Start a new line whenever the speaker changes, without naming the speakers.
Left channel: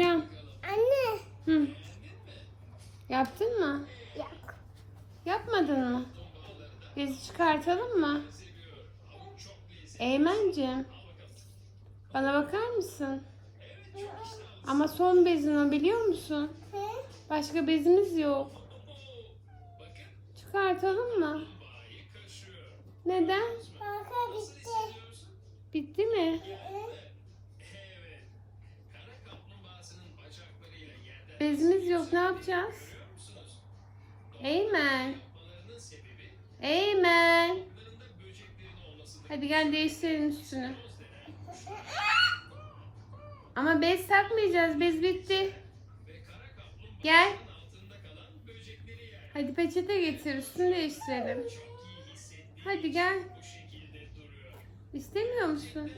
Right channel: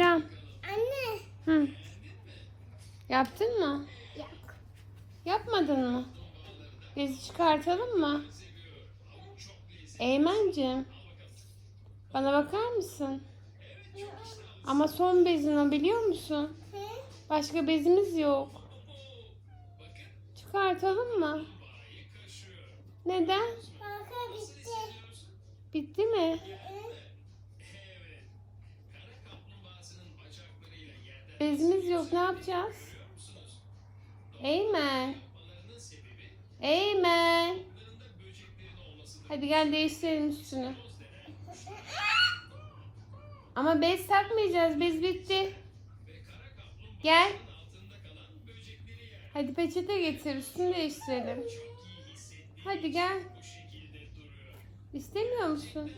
Emrecan.
Anne.
Hı. Yaptın mı?
Yok.
Yapmadın mı? Bezi çıkartalım mı? Eymen'cim. Bana bakar mısın? Ama son bezin o biliyor musun? Başka bezimiz yok. Çıkartalım mı? Neden?
Bitti
mi? Bezimiz yok ne yapacağız? Eymen. Eymen. Hadi gel değiştirelim üstünü. Ama bez takmayacağız. Bez bitti. Gel. Hadi peçete getir. Üstünü değiştirelim. Hadi gel. İstemiyor musun?